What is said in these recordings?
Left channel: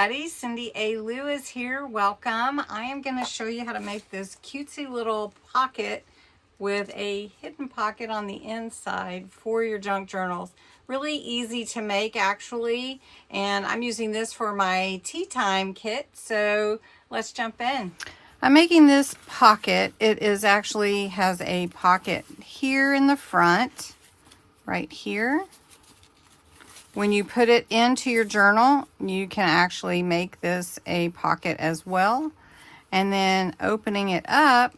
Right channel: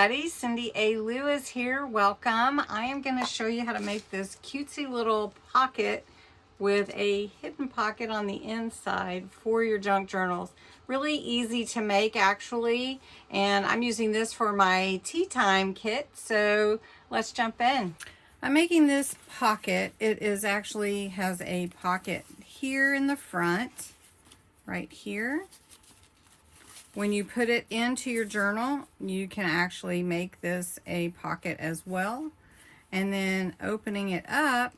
everybody, Cindy A. Lewis here. Welcome. I am going to show you how to make this cutesy little pocket with a hidden pocket on the inside for your junk journals. Really easy to make actually, and I'm using this for my tea time kit, so let's jump in. I'm making this pocket. It is actually has a pocket here in the front, right here. When you put it into your journal, you can actually make this a pocket as well. And then opening it up,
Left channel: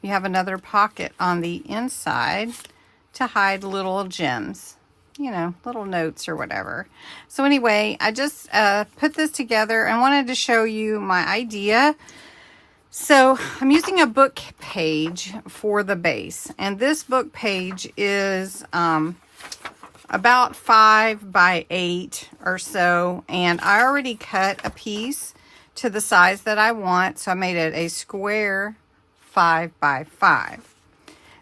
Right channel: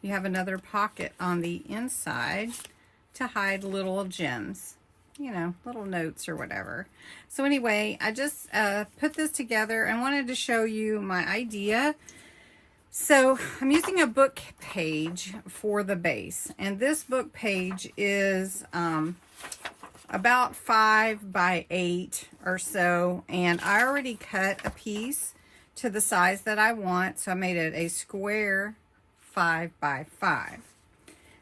you have another pocket on the inside to hide little gems, you know, little notes or whatever. So anyway, I just put this together and wanted to show you my idea. So I'm using a book page for the base, and this book page is about 5 by 8 or so, and I already cut a piece to the size that I want, so I made it a square 5 by 5.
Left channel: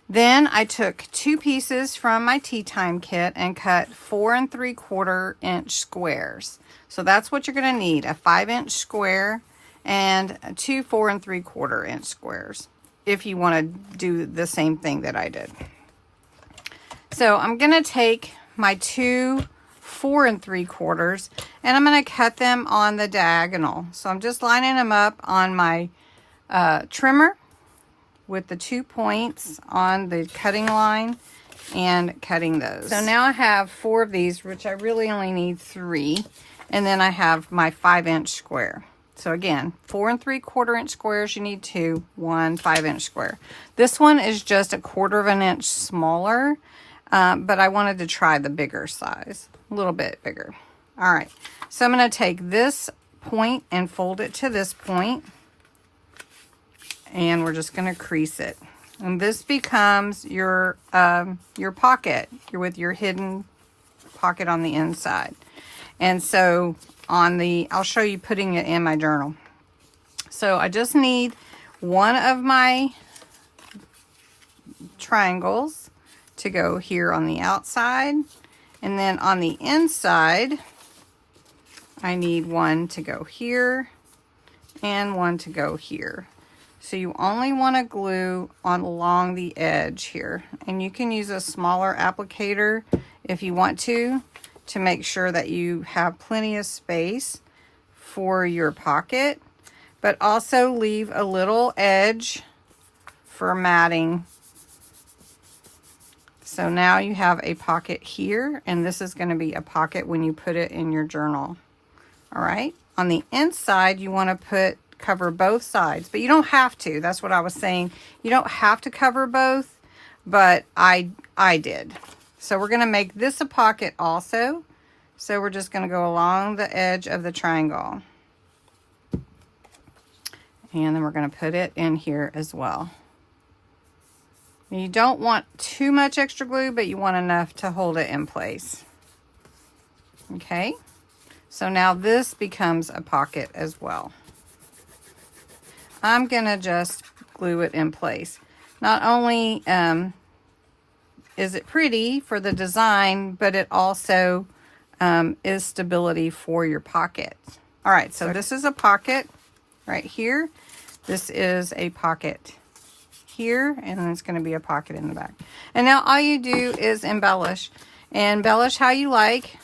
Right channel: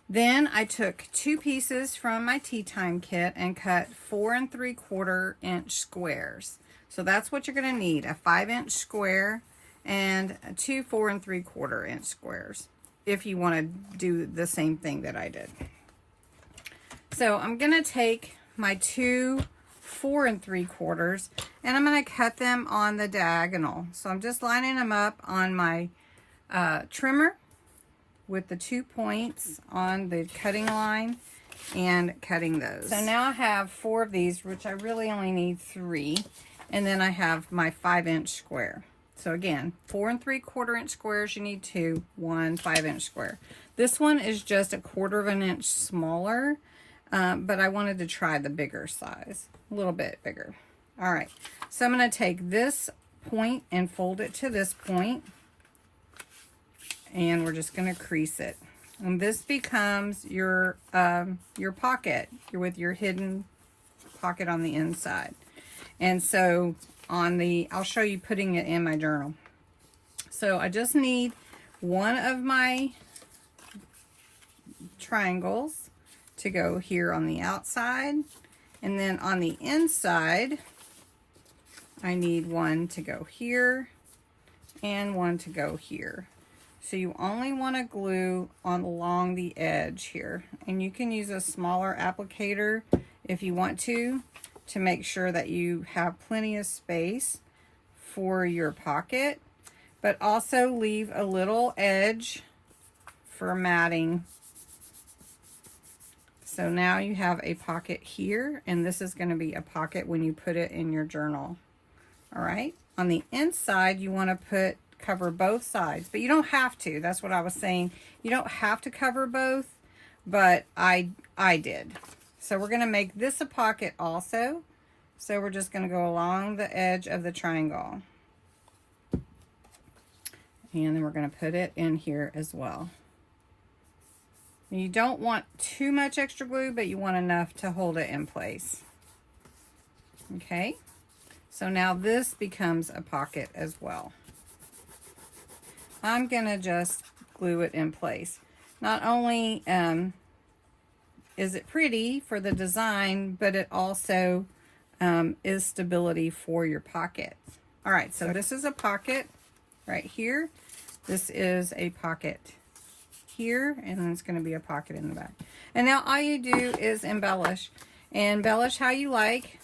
Then I took 2 pieces from my tea time kit and cut 4 3/4 inch squares. So that's what you're going to need, a 5-inch square and 2 4 3/4 inch squares if you want to do the same thing that I did. So I'm going to take my 2 4 3/4 and I'm going to cut them on the diagonal. So I'm just lining them up on my trimmer with the 2 points on the cutting line and cutting those. So now I have 4 of these, which I really only need 3, and then I have my 5-inch square. So again, 4 3/4 inch squares, you need 2, 1 5-inch square. This one is just 1/4 of an inch smaller. But I wanted to try the bigger size, a little bit bigger. All right, so I'm going to take this point and fold it to this point, and we're just going to crease it. And this becomes your pocket. You're with your hidden pocket on the inside. And so I'll show you putting it in my journal. So I just need one of my triangles to go here on the outside, and then on the inside I need one to go here and one to go here. So you only want to glue on along the edge here, and you can use a smaller applicator if you want to make sure that you have plenty of space for your pocket, but also leave a little edge for matting. So now you have a pocket here, and this is going to be a pocket when you put it in your journal. All right. On the inside, you want to cover both sides, but you don't have to. That's what I was saying. You don't have to cover both, but I did. So we're going to make this a pocket also. So we're just going to go along the edge of the triangle. And then we're going to put it in here as well. You don't want too much extra glue, but you want enough to hold it in place. Okay, so now this becomes a pocket as well. I'm gonna just glue it in place. Not only is it pretty for the design, but it also is stability for your pocket. All right, so this is a pocket right here. This is a pocket here, and then it's going to be a pocket in the back. And now all you do is embellish, and embellish how you like.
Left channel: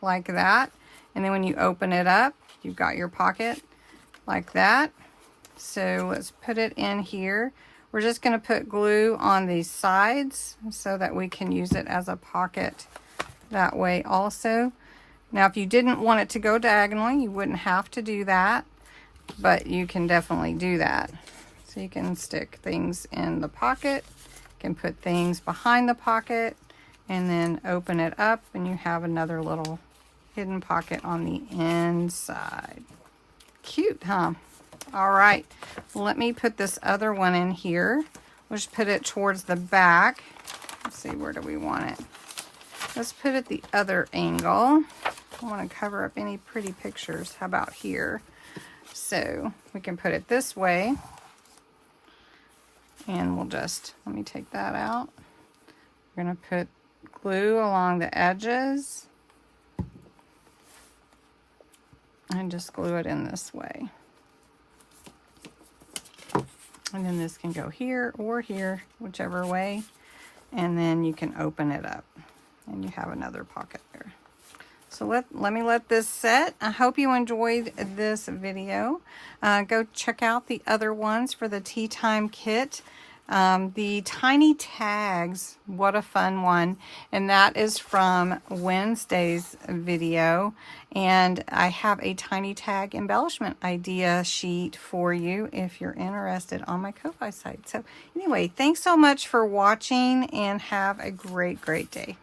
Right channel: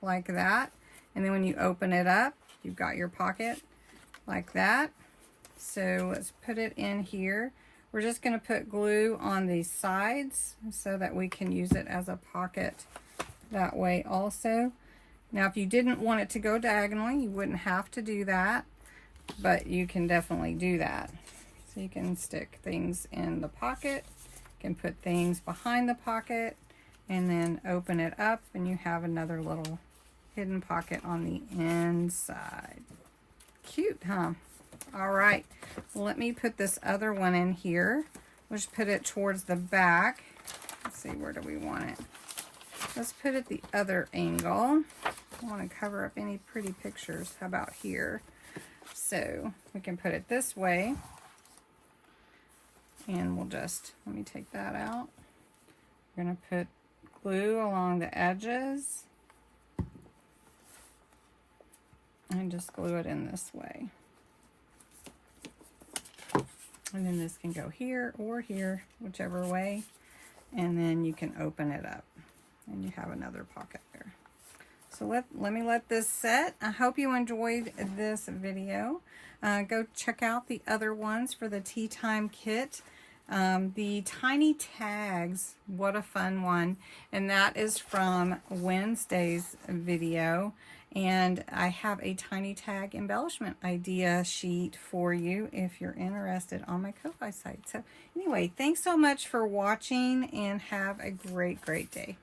Like that, and then when you open it up, you've got your pocket like that. So let's put it in here. We're just going to put glue on these sides so that we can use it as a pocket that way also. Now if you didn't want it to go diagonally, you wouldn't have to do that, but you can definitely do that. So you can stick things in the pocket, you can put things behind the pocket, and then open it up and you have another little hidden pocket on the inside. Cute, huh? All right, let me put this other one in here. We'll just put it towards the back. Let's see, where do we want it? Let's put it the other angle. I want to cover up any pretty pictures. How about here? So we can put it this way. And we'll just, let me take that out. We're going to put glue along the edges. And just glue it in this way. And then this can go here or here, whichever way. And then you can open it up. And you have another pocket there. So let me let this set. I hope you enjoyed this video. Go check out the other ones for the tea time kit. The tiny tags, what a fun one. And that is from Wednesday's video. And I have a tiny tag embellishment idea sheet for you if you're interested on my Ko-Fi site. So anyway, thanks so much for watching and have a great, great day.